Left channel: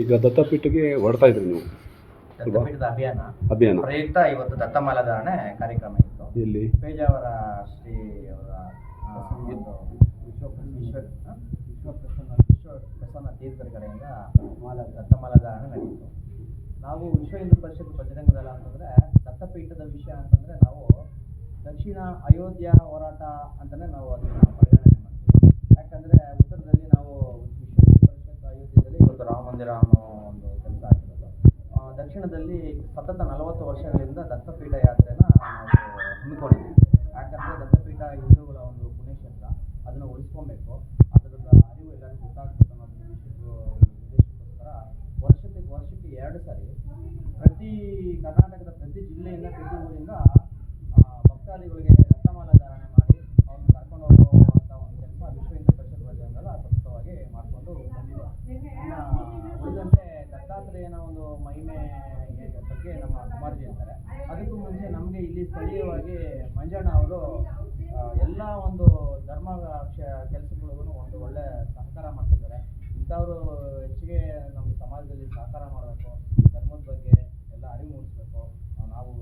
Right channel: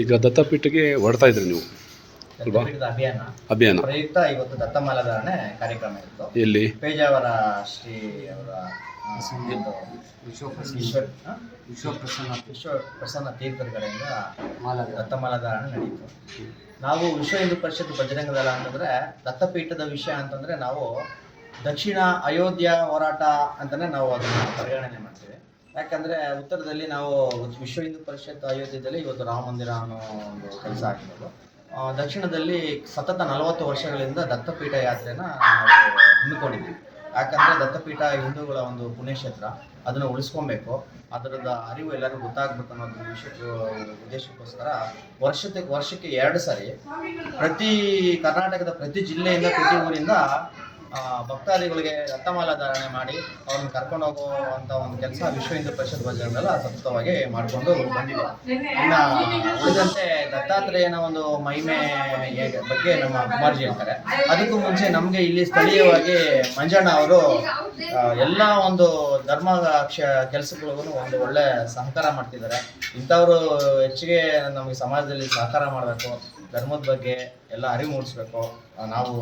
ಈಗ ದತ್ತಪೀಠಕ್ಕೆ ಹೊಡ್ತಾ ಇದ್ರಿ ನೀವು. ಅಲ್ವಾ? ಅಭಿಯಾನ. ಅಭಿಯಾನ. ಪ್ರಯುಕ್ತ ಇವತ್ತು ದತ್ತಮಾಲಾಧಾರಣೆ ಕಾರ್ಯಕ್ರಮ ಇತ್ತು. ಎಲ್ಲಿ? ಪೇಜಾವರ ಶ್ರೀ ಅವರ? ವಿಶ್ವಪ್ರಸನ್ನ ವಿಶ್ವ ಪ್ರಸನ್ನ ತೀರ್ಥರ ಕಡೆಯಿಂದ ದತ್ತಮಾಲಾಧಾರಣೆ ನಡೆಯಿತು ನಾವು ವಿಶ್ವ ಹಿಂದೂ ಪರಿಷತ್ ಬಜರಂಗ ದಳ ಅಂತಂದ್ರೆ ದತ್ತಪೀಠದ ವಿಷಯ ಅಂತಂದ್ರೆ ನಾವು ದಕ್ಷಿಣ ಅಯೋಧ್ಯ ಹೋರಾಟ ಅಂತಾನೆ ನಾವು ಅದನ್ನ ಪರಿಗಣನೆ ಯಾಕಂದ್ರೆ ಉತ್ತರದಲ್ಲಿ ನಾವು ವಿಶ್ವ ಹಿಂದೂ ಪರಿಷತ್ ಅಯೋಧ್ಯದಲ್ಲಿ ಇವತ್ತು ರಾಮ ಮಂದಿರ ಅನ್ನೋ ಒಂದು ಕೆಲಸ ಆಗಿರೋದು. ದಕ್ಷಿಣದಲ್ಲಿ ಸತತ ನಲವತ್ತು ವರ್ಷಗಳಿಂದ ದತ್ತಪೀಠ ಯಾತ್ರೆನ ನಾವು ಹಮ್ಮಿಕೊಂಡಿದ್ದೀವಿ. ಯಾಕಂದ್ರೆ ದತ್ತಪೀಠ ಹಿಂದೂಗಳ ಒಂದು ಪುಣ್ಯಕ್ಷೇತ್ರ, ಅದನ್ನು ಉಳಿಸ್ಕೊಬೇಕು. ಅದರದ ಅರಿವು ಎಲ್ಲರಿಗೂ ಗೊತ್ತಾಗ್ಬೇಕು ಅನ್ನೋ ಉದ್ದೇಶಕ್ಕೋಸ್ಕರ ವರ್ಷಕ್ಕೆ ವರ್ಷಕ್ಕೆ ಎರಡು ಸಾರಿ ಪ್ರತಿ ಕರ್ನಾಟಕದ ಪ್ರತಿ ಜಿಲ್ಲೆಯಿಂದ, ಪ್ರತಿ ಊರಿಂದ ಭಕ್ತಾದಿಗಳಿಗೆ ರತ್ನಮಾಲಾ ಧಾರಣೆ ಮಾಡಿ ಅವ್ರನ್ನ ಕರ್ಕೊಂಡು ಹೋಗುವಂತ ಒಂದು ಕೆಲಸ ವಿಶ್ವ ಹಿಂದೂ ಪರಿಷತ್ ಭಜನೆಲ್ಲ ಸತತವಾಗಿ ಮಾಡಿಕೊಂಡು ಬಂದಿದೆ. ಇನ್ನ ಉಳಿದಂತೆ ದತ್ತಾತ್ರೇಯನ ಒಂದು ಮಹಿಮೆ ಬಗ್ಗೆ ನಮ್ಮ ಕುಮಾರ್ಜಿ ಹೇಳ್ತಾರೆ. ಅದಕ್ಕೂ ಮುಂಚೆ ನಮಗೆ ಇಲ್ಲಿ ಸ್ಥಳೀಯವಾಗಿ ಮಂಜಣ್ಣ ಅವರು ಎಲ್ಲ ಒಂದು ಧರ್ಮ ಕೆಲಸಗಳಿಗೂ ಒಂದು ಒಳ್ಳೆ ಸಹಕಾರ ಮಾಡ್ತಿದ್ದಾರೆ. ಇಂಥವರು ಹೆಚ್ಚಿಗೆ ನಮಗೆ ಸಮಾಜದಲ್ಲಿ ಸಹಕಾರ ಮಾಡಬೇಕು. ಧರ್ಮದ ಬಗ್ಗೆ ಎಲ್ಲ ಅರಿವು ಮೂಡಿಸ್ಬೇಕು. ನಾವು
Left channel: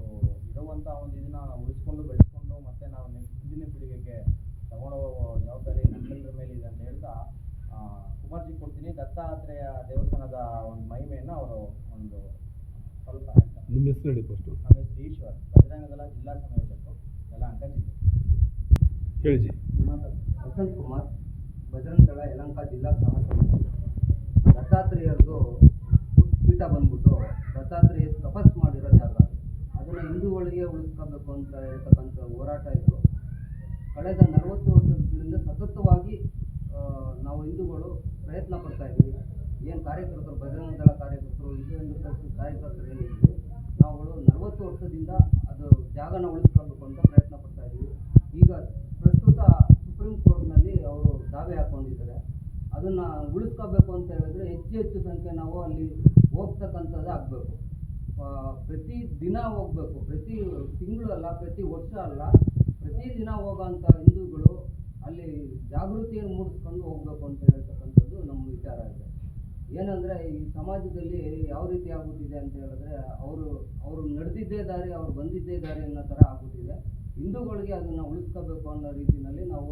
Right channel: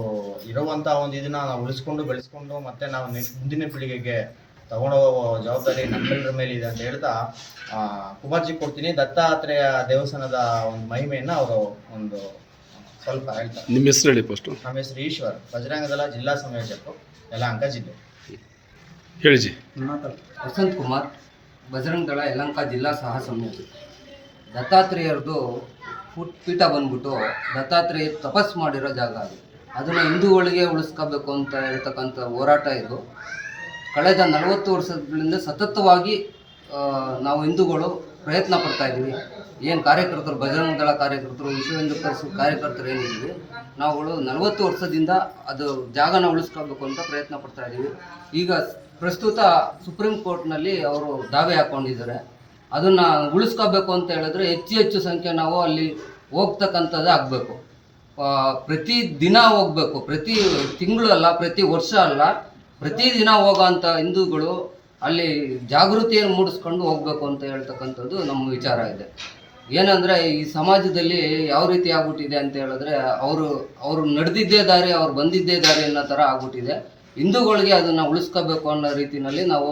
ಇರುವಂಥ ಒಂದು ಇದನ್ನ ನಾವು ಉಳಿಸ್ಕೊಂಡು ಬೆಳೆಸ್ಕೊಂಡು ಮತ್ತೆ ನಾವು ನೆಕ್ಸ್ಟ್ ಮುಂದಿನ ಪೀಳಿಗೆಗೆ ತಗೊಂಡೋಗೋ ಜವಾಬ್ದಾರಿ ನಮ್ಮೆಲ್ಲರ ಮೇಲೆ ಇದೆ ಅಂತ ಹೇಳ್ತಾ ಆ, ಕುಮಾರ್ಜಿ ಕೊಡ್ತೀನಿ. ದತ್ತಾತ್ರೇಯ ದೇವಸ್ಥಾನದ ಒಂದು ಮಹಿಮೆಯನ್ನು ಅವರು ಒಂದು ಸ್ವಲ್ಪ ಹೇಳ್ತಾರೆ. ನಿಮ್ಮ ಹೆಸರು ಹೇಳಿ ಫಸ್ಟು ನಮ್ಮ ಹೆಸರು ಈಶ್ವರ್. ಬಜರಂಗದಲ ಜಿಲ್ಲಾ ಸಂಯೋಜಕರು ಯಲಹಂಕ ಜಿಲ್ಲೆ. ಹೇಳಿಜಿ ವಸಂತ್ ಕುಮಾರ್. ಬಜರಂಗದಳ ಯಲಹಂಕ ಯಲಂಕ ಜಿಲ್ಲಾ ಸಹ ಸಂಯೋಜಕ ದತ್ತಾತ್ರೇಯರದು ಪೀಠ ಬಂದ್ಬಿಟ್ಟು ದತ್ತಾತ್ರೇಯ ತಪಸ್ ಮಾಡಿರೋ ಜಾಗ. ಅದು ಅದನ್ನು ಹಿಂದೂಗಳಿಗೆ ಉಳಿಸ್ಕೋಬೇಕು ಅಂತ ಹೇಳ್ತಕ್ಕಂಥ ಹೋರಾಟ ಇದು. ಕಳೆದ ನಲವತ್ತು ವರ್ಷಗಳಿಂದ ಸತತವಾಗಿ ನಾವು ಹಿಂದೂಗಳು ಪ್ರಯತ್ನ ಪಡ್ತಾ ಇದ್ದೀವಿ. ಏನು ಕಾರ್ಯಕರ್ತರು ಬಜರಂಗ ದಳ ಕಾರ್ಯಕರ್ತರು ವಿಶ್ವ ಹಿಂದೂ ಪರಿಷತ್ ಕಾರ್ಯಕರ್ತರು ಏನಿದ್ದೀವಿ ನಾವುಗಳು ನಲವತ್ತು ವರ್ಷದಿಂದ ಅದು ಜಾಗನ ಉಳಿಸ್ಕೋಬೇಕು ಅಂತ ಪ್ರಯತ್ನ ಪಡ್ತಾ ಇದ್ದೀವಿ. ಈಗ ಪ್ರಸ್ತುತ ಸುಪ್ರೀಂ ಕೋರ್ಟ್ನಲ್ಲಿ ಅವರು ದಾವೆ ಹಾಕೊಂಡಿದ್ದಾರೆ. ಅದನ್ನು ಉಳಿಸ್ಕೋಬೇಕು ಅಂತ ಹೇಳಿದ್ರೆ ಹೆಚ್ಚು ಹೆಚ್ಚು ಸಂಖ್ಯೆ ನಾವು ಅಲ್ಲಿ ಹೋಗ್ತಕ್ಕಂಥದ್ದೇ ಆಗಬೇಕು. ಪ್ರತಿ ದಿನ ಹೋಗಬೇಕು. ಪ್ರತಿ ತಿಂಗಳು ಅಲ್ಲ, ಪ್ರತಿ ವರ್ಷ ಅಲ್ಲ, ಪ್ರತಿ ದಿನ ಹೋಗೋಂಥ ಹಿಂದೂಗಳು ಅಲ್ಲಿ ಜಾಗೃತಿಯನ್ನು ಮೂಡಿಸ್ಕೊಂಡು ಹೋಗ್ಬೇಕು ಅಂತ ಹೇಳ್ತಕ್ಕಂಥದ್ದು ನಮ್ಮ ವಿಚಾರ ಇದೆ. ಏನಂದರೆ ಈ ಸಮಾಜದಲ್ಲಿ ಯಾವ ರೀತಿ ಆಗ್ಬಿಟ್ಟಿದೆ ಅಂತ ಹೇಳಿದ್ರೆ ಅವರು ಅವರು ನಡೆದಿದ್ದೇ ದಾರಿ, ಅವ್ರು ಬಂದಿದ್ದೇ ದಾರಿ ಅನ್ನೋ ಥರ ಆಗ್ಬಿಟ್ಟಿದೆ. ಹಿಂದೂಗಳಿಗೆ ಅದನ್ನು ಉಳಿಸ್ಕೋಬೇಕು ಅನ್ನೋ ರೀತಿಯಲ್ಲಿ ನಾವು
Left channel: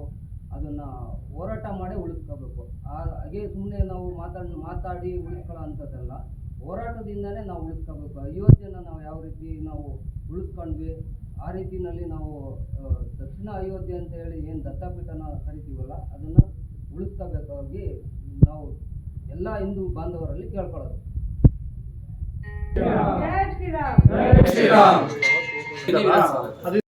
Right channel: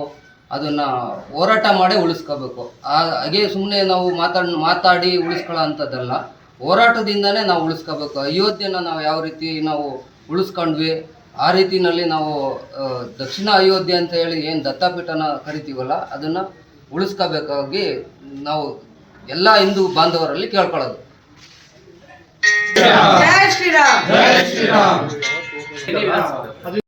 ಅದನ್ನು ಹೋರಾಟ ಮಾಡೇ ಉಳಿಸ್ಕೋಬೇಕು. ಆ- ಹಾಗೆ ಸುಮ್ಮನೆ ನಾವು ಮಾತಾಡ್ ಮಾತಾಡಿ ಉಳಿಸ್ಕೊಳ್ಳೋ ಅಂಥದ್ದಲ್ಲ. ಹೋರಾಟದಿಂದನೇ ನಾವು ಉಳಿಸ್ಕೋಬೇಕು. ಅಯೋಧ್ಯೆನ ನಾವು ಯಾವ ರೀತಿ ನಾವು ಉಳಿಸ್ಕೊಂಡ್ವಿ ಆ ರೀತಿನಲ್ಲಿ ನಾವು ದಕ್ಷಿಣ ಅಯೋಧ್ಯೆ ಅಂತ ಹೇಳಿ ಏನು ದತ್ತಾಪೀಠನ ಕರಿತೀವಲ್ಲ ಅದನ್ನು ಉಳಿಸ್ಕೋಬೇಕಾಗಿ ನಾವು ಎಲ್ಲ ಹಿಂದೂ ಬಾಂಧವರಲ್ಲಿ ಕೇಳ್ಕೊಳ್ಳೋದು. ಶ್ರೀರಾಮ್.